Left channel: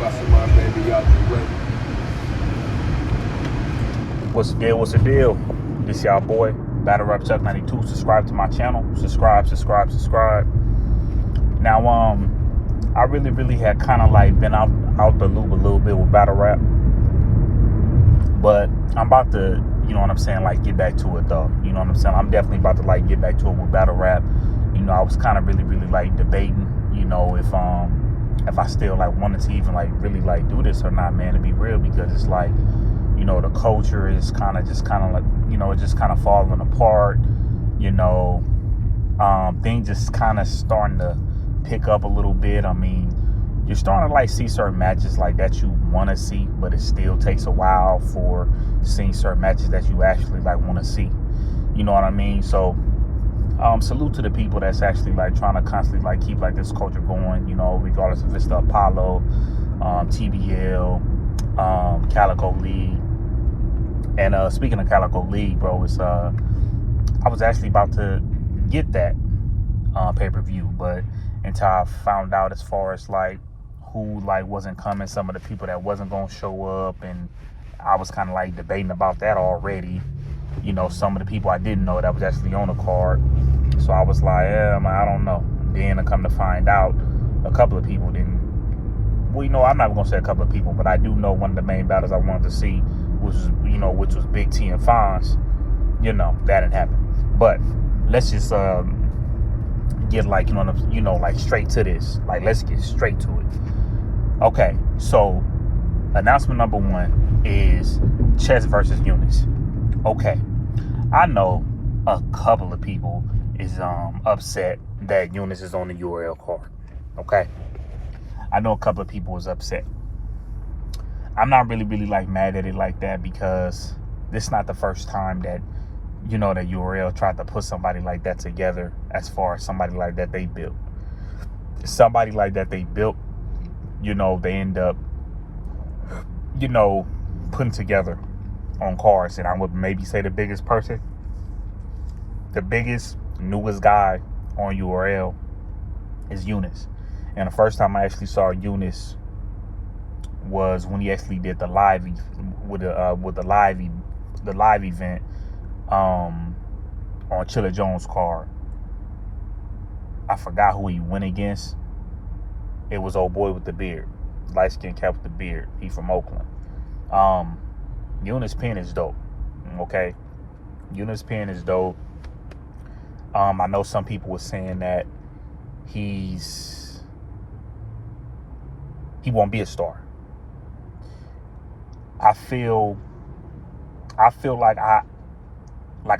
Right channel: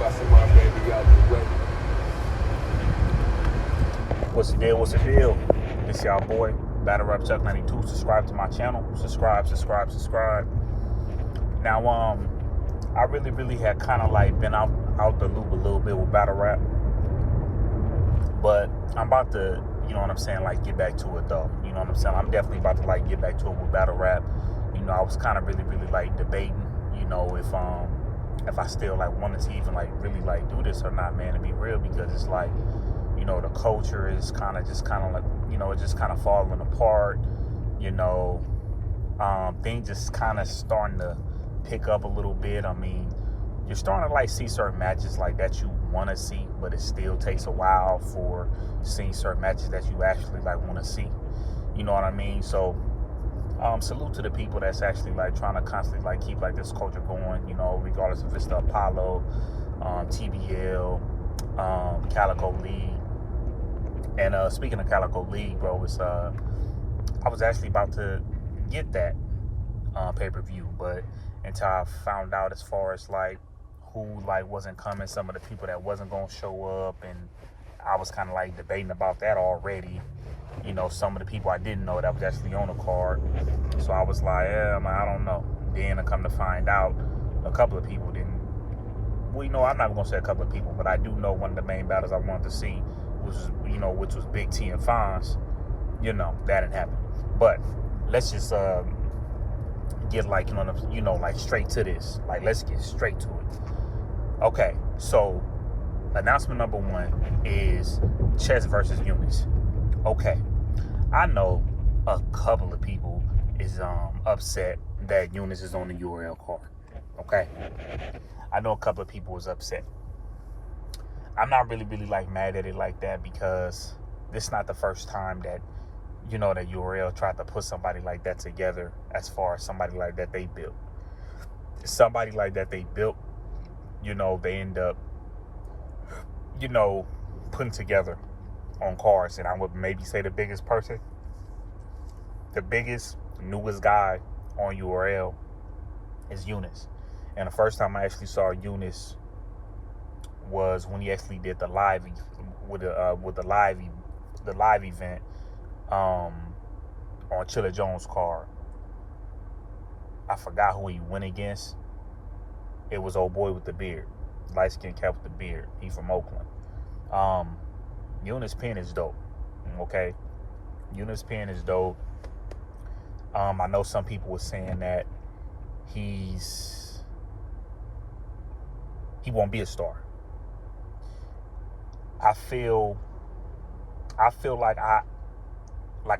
What's the deal? What's the deal? This y'all boy, Battle Rap Chuck 92. Subscribe to my channel. Subscribe. Now, I really had kind of like been out the loop a little bit with battle rap, but I'm about to, you know what I'm saying, like get back to it though. You know what I'm saying? I'm definitely about to like get back to it with battle rap. You know, I was kind of really like debating, you know, if I still like wanted to even like really like do this or not, man, to be real, because it's like, you know, the culture is kind of like, you know, it's just kind of falling apart. You know, things just kind of starting to pick up a little bit. I mean, you're starting to like see certain matches like that you want to see, but it still takes a while for seeing certain matches that you actually like want to see. You know what I mean? So, salute to the people that's actually like trying to constantly like keep like this culture going. You know, regardless if it's the Apollo, TBL, Calico League. And speaking of Calico League, bro, it's I was actually about to get that pay-per-view, but until I found out as far as like who like wasn't coming, some of the people that wasn't gonna show up, and I was kind of like debating about that already. You know, some of the people I didn't know that was actually on the card, so I was like, man, I don't know. Then I come to find out, a couple of people didn't. Well, you know, I'm not gonna say a couple of people, but I do know one of the main battles I wanted to see was, you know, which was Big T and Fonz. You know, that didn't happen. But let's just get like, you know, like straight to this. Like, let's get straight to it. Okay, so announcement number 1 is Chess versus Yunus. Okay, I know a couple of people is upset that Yunus is on the URL card. Okay, I know a couple of people is upset. I'm not really like mad at it like that, because this is not the first time that, you know, that URL tried to put somebody like that together. As far as somebody like that they built, you know, they end up, you know, putting together on cards. And I would maybe say the biggest newest guy on URL is Yunus. And the first time I actually saw Yunus was when he actually did the live event on Chilla Jones' card. I forgot who he went against. It was old boy with the beard, light skinned cat with the beard. He from Oakland. Yunus pen is dope. Okay, Yunus pen is dope. I know some people were saying that he won't be a star. I feel like I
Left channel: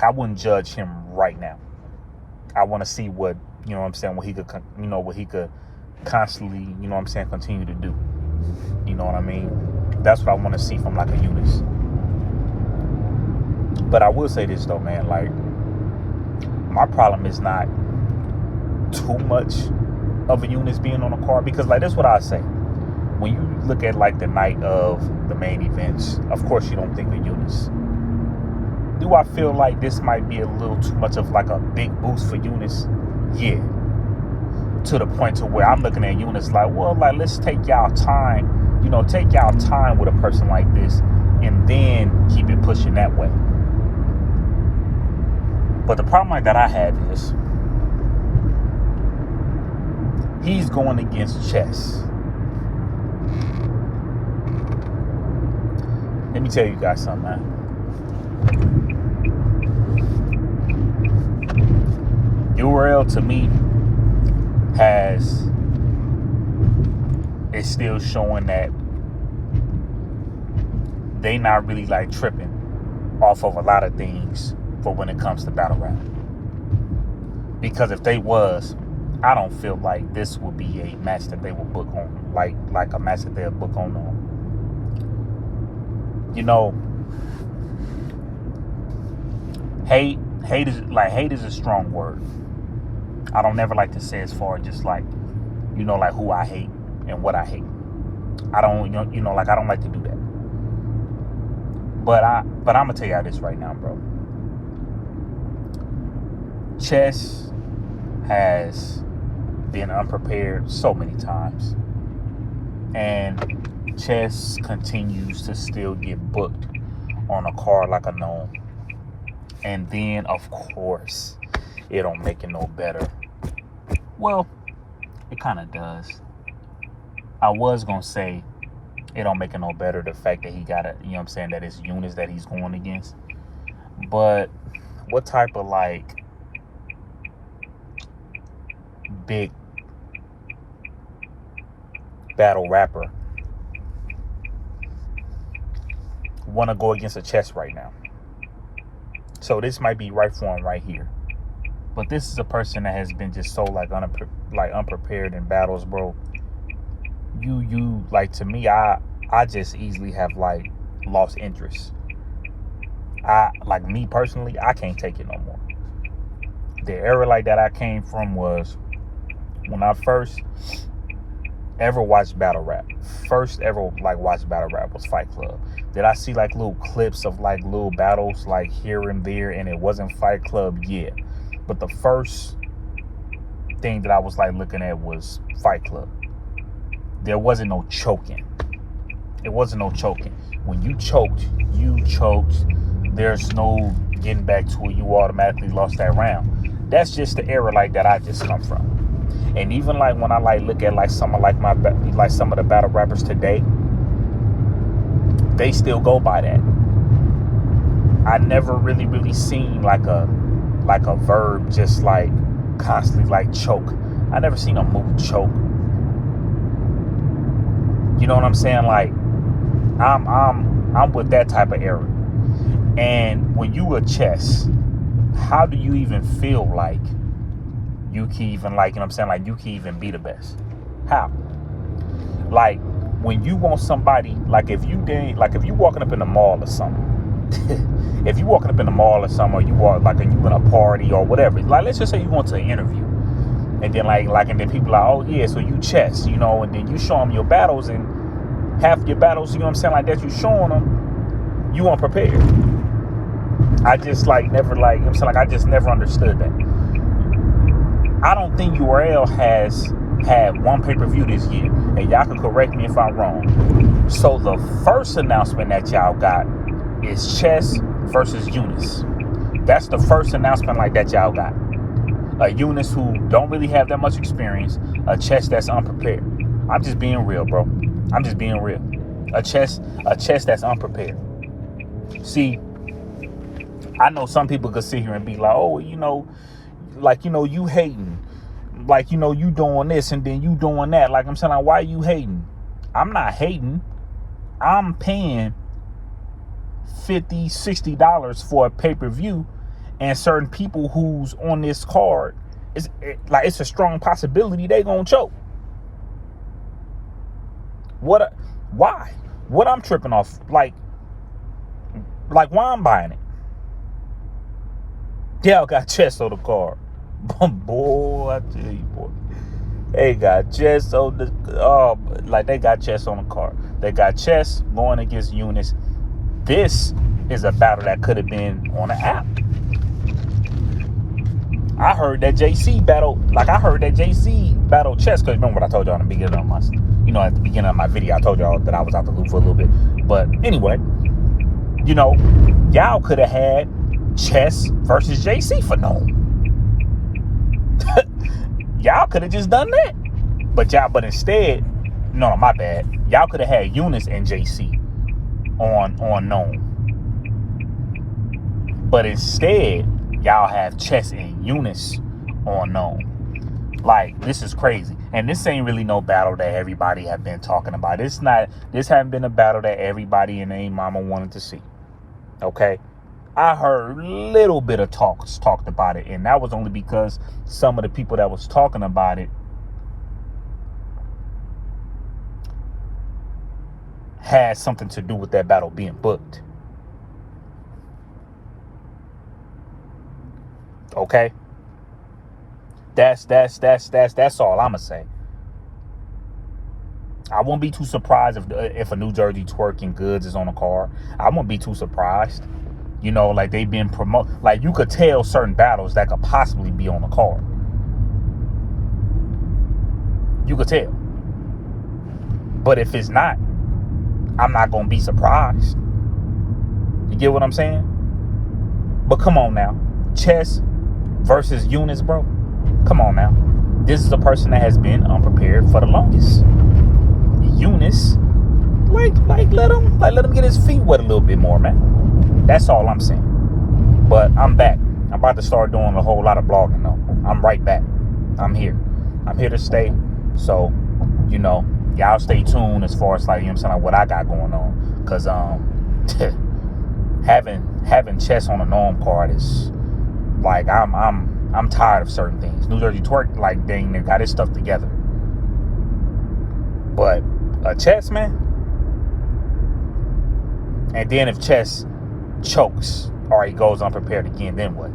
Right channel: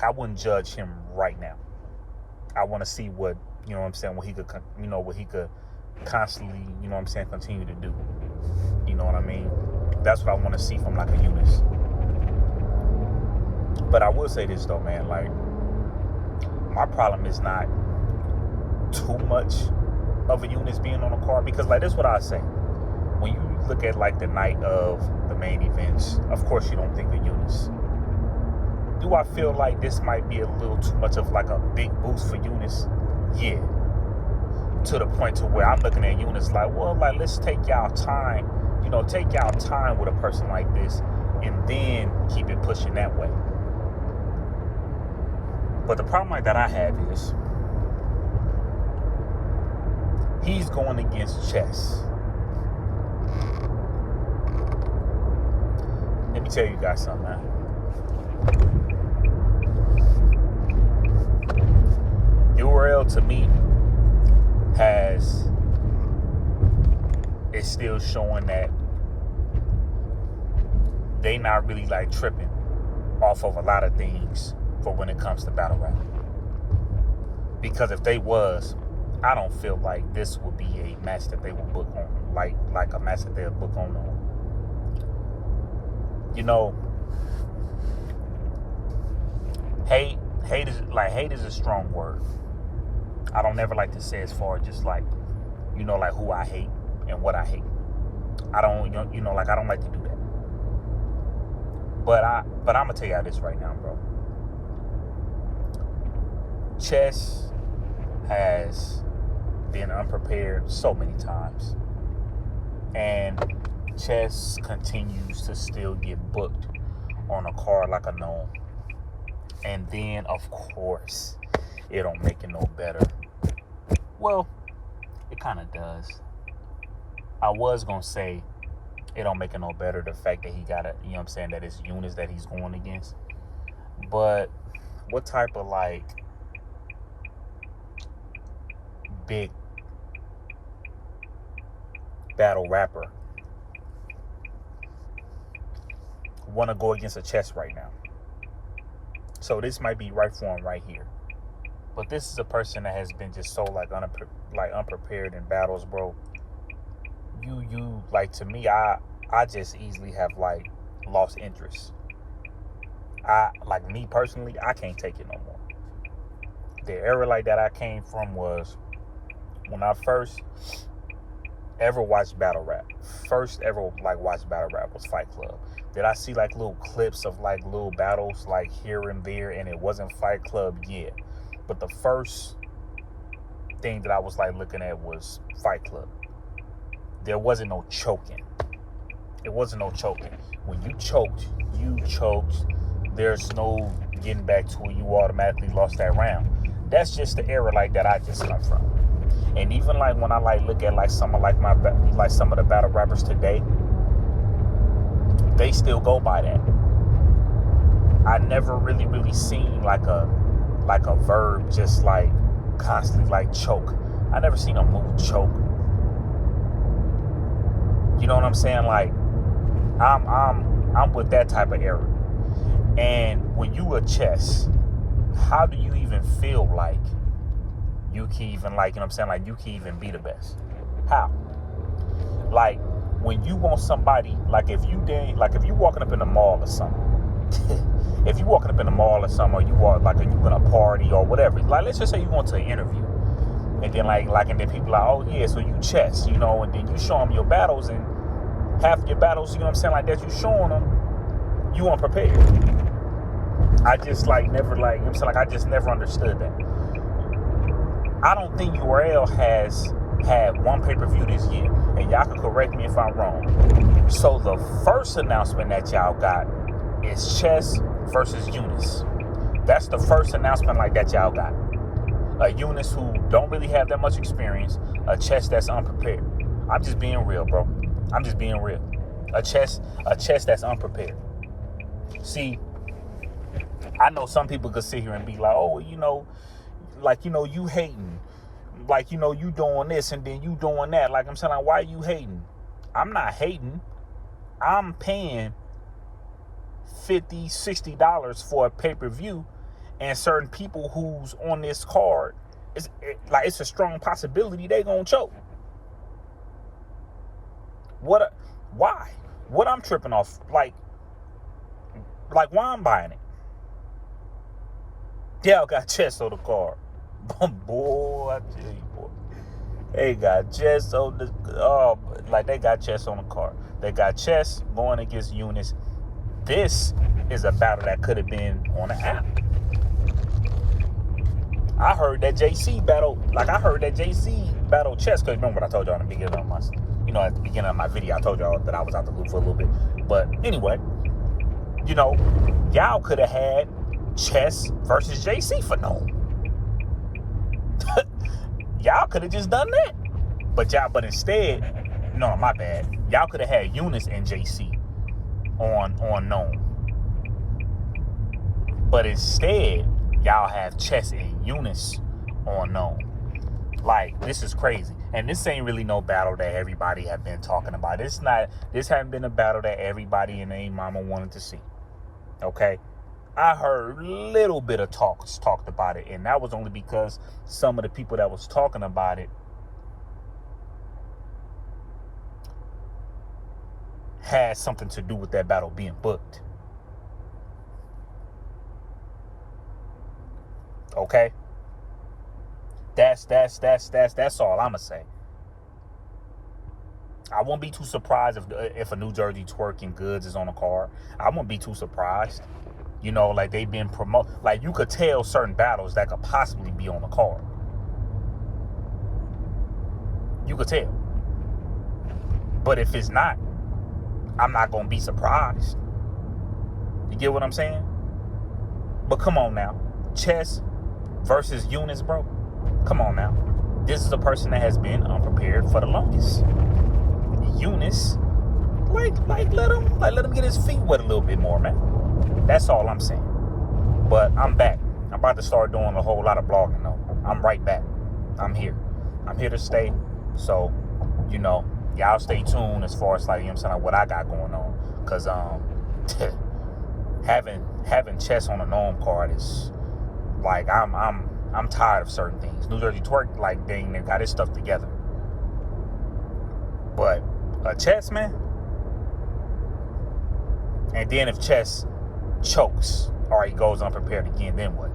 wouldn't judge him right now. I want to see what, you know what I'm saying, what he could constantly, you know what I'm saying, continue to do. You know what I mean? That's what I want to see from like a Yunus. But I will say this though, man, like, my problem is not too much of a Yunus being on the card, because like, that's what I say. When you look at like the night of the main events, of course you don't think of Yunus. Do I feel like this might be a little too much of like a big boost for Yunus? Yeah. To the point to where I'm looking at Yunus like, well, like, let's take y'all time, you know, take y'all time with a person like this, and then keep it pushing that way. But the problem that I have is he's going against Chess. Let me tell you guys something, man. URL to me is still showing that they not really like tripping off of a lot of things for when it comes to battle rap. Because if they was, I don't feel like this would be a match that they will book on, like a match that they'll book on. You know, hate is a strong word. I don't never like to say as far as just like, you know, like who I hate and what I hate. I don't, you know, like, I don't like to do that. But I'm gonna tell y'all this right now, bro. Chess has been unprepared so many times, and Chess continues to still get booked on a card like a Nome. And then, of course, it don't make it no better. Well, it kind of does. I was going to say it don't make it no better the fact that he got it, you know what I'm saying, that it's Yunus that he's going against. But what type of, like, big battle rapper want to go against a chess right now? So this might be right for him right here. But this is a person that has been just so unprepared in battles, bro. You like, to me, I just easily have like lost interest. Like, me personally, I can't take it no more. The era like that I came from was when I first ever watched battle rap. First ever like watched battle rap was Fight Club. Did I see like little clips of like little battles like here and there, and it wasn't Fight Club? Yeah. But the first thing that I was like looking at was Fight Club. There wasn't no choking. It wasn't no choking. When you choked, you choked. There's no getting back to it. You automatically lost that round. That's just the era like that I just come from. And even like when I like look at like some of some of the battle rappers today, they still go by that. I never really seen like a verb just like constantly like choke. I never seen a move choke. You know what I'm saying? Like, I'm with that type of era. And when you a chess, how do you even feel like you can even, like, you know what I'm saying, like you can even be the best? How? Like, when you want somebody, like if you walking up in the mall or something, if you walking up in the mall or something, or you walk like, and you in a party or whatever, like let's just say you going to an interview, and then and then people are like, oh yeah, so you chess, you know, and then you show them your battles, and half your battles, you know what I'm saying, like that you showing them, you unprepared. I just like never like, you know what I'm saying, like I just never understood that. I don't think URL has had one pay-per-view this year, and y'all can correct me if I'm wrong. So the first announcement that y'all got is Chess versus Yunus. That's the first announcement like that y'all got. A Yunus who don't really have that much experience, a Chess that's unprepared. I'm just being real, bro. I'm just being real. A chess that's unprepared. See, I know some people could sit here and be like, oh, you know, like, you know, you hating. Like, you know, you doing this and then you doing that. Like, I'm saying, like, why are you hating? I'm not hating. I'm paying $50, $60 for a pay-per-view, and certain people who's on this card, it's a strong possibility they gonna choke. Why? What I'm tripping off? Like why I'm buying it? Y'all got Chess on the card. Boy, I tell you, boy. They got Chess on they got Chess on the card. They got Chess going against Yunus. This is a battle that could have been on the app. I heard that JC battle Chess, because remember what I told y'all in the beginning of my, you know, at the beginning of my video, I told y'all that I was out the loop for a little bit. But anyway, you know, y'all could have had Chess versus JC for no. Y'all could have just done that. But instead, no, my bad. Y'all could have had Yunus and JC on Nome. But instead, y'all have Chess and Yunus on Nome. Like, this is crazy. And this ain't really no battle that everybody have been talking about. This haven't been a battle that everybody in their mama wanted to see. Okay? I heard little bit of talked about it, and that was only because some of the people that was talking about it had something to do with that battle being booked. Okay? That's all I'ma say. I won't be too surprised if a New Jersey twerking goods is on the card. I won't be too surprised. You know, like they've been promoted. Like, you could tell certain battles that could possibly be on the card. You could tell. But if it's not, I'm not gonna be surprised. You get what I'm saying? But come on now. Chess versus Yunus, bro. Come on now. This is a person that has been unprepared for the longest. Yunus, let him get his feet wet a little bit more, man. That's all I'm saying. But I'm back. I'm about to start doing a whole lot of blogging though. I'm right back. I'm here. I'm here to stay. So, y'all stay tuned as far as like, what I got going on. Cause having chess on a nome card is like I'm tired of certain things. New Jersey Twerk, like, dang, they got his stuff together. But chess, man. And then if chess chokes or he goes unprepared again, then what?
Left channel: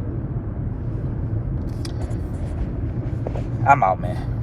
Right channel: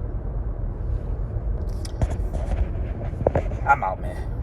I'm out, man.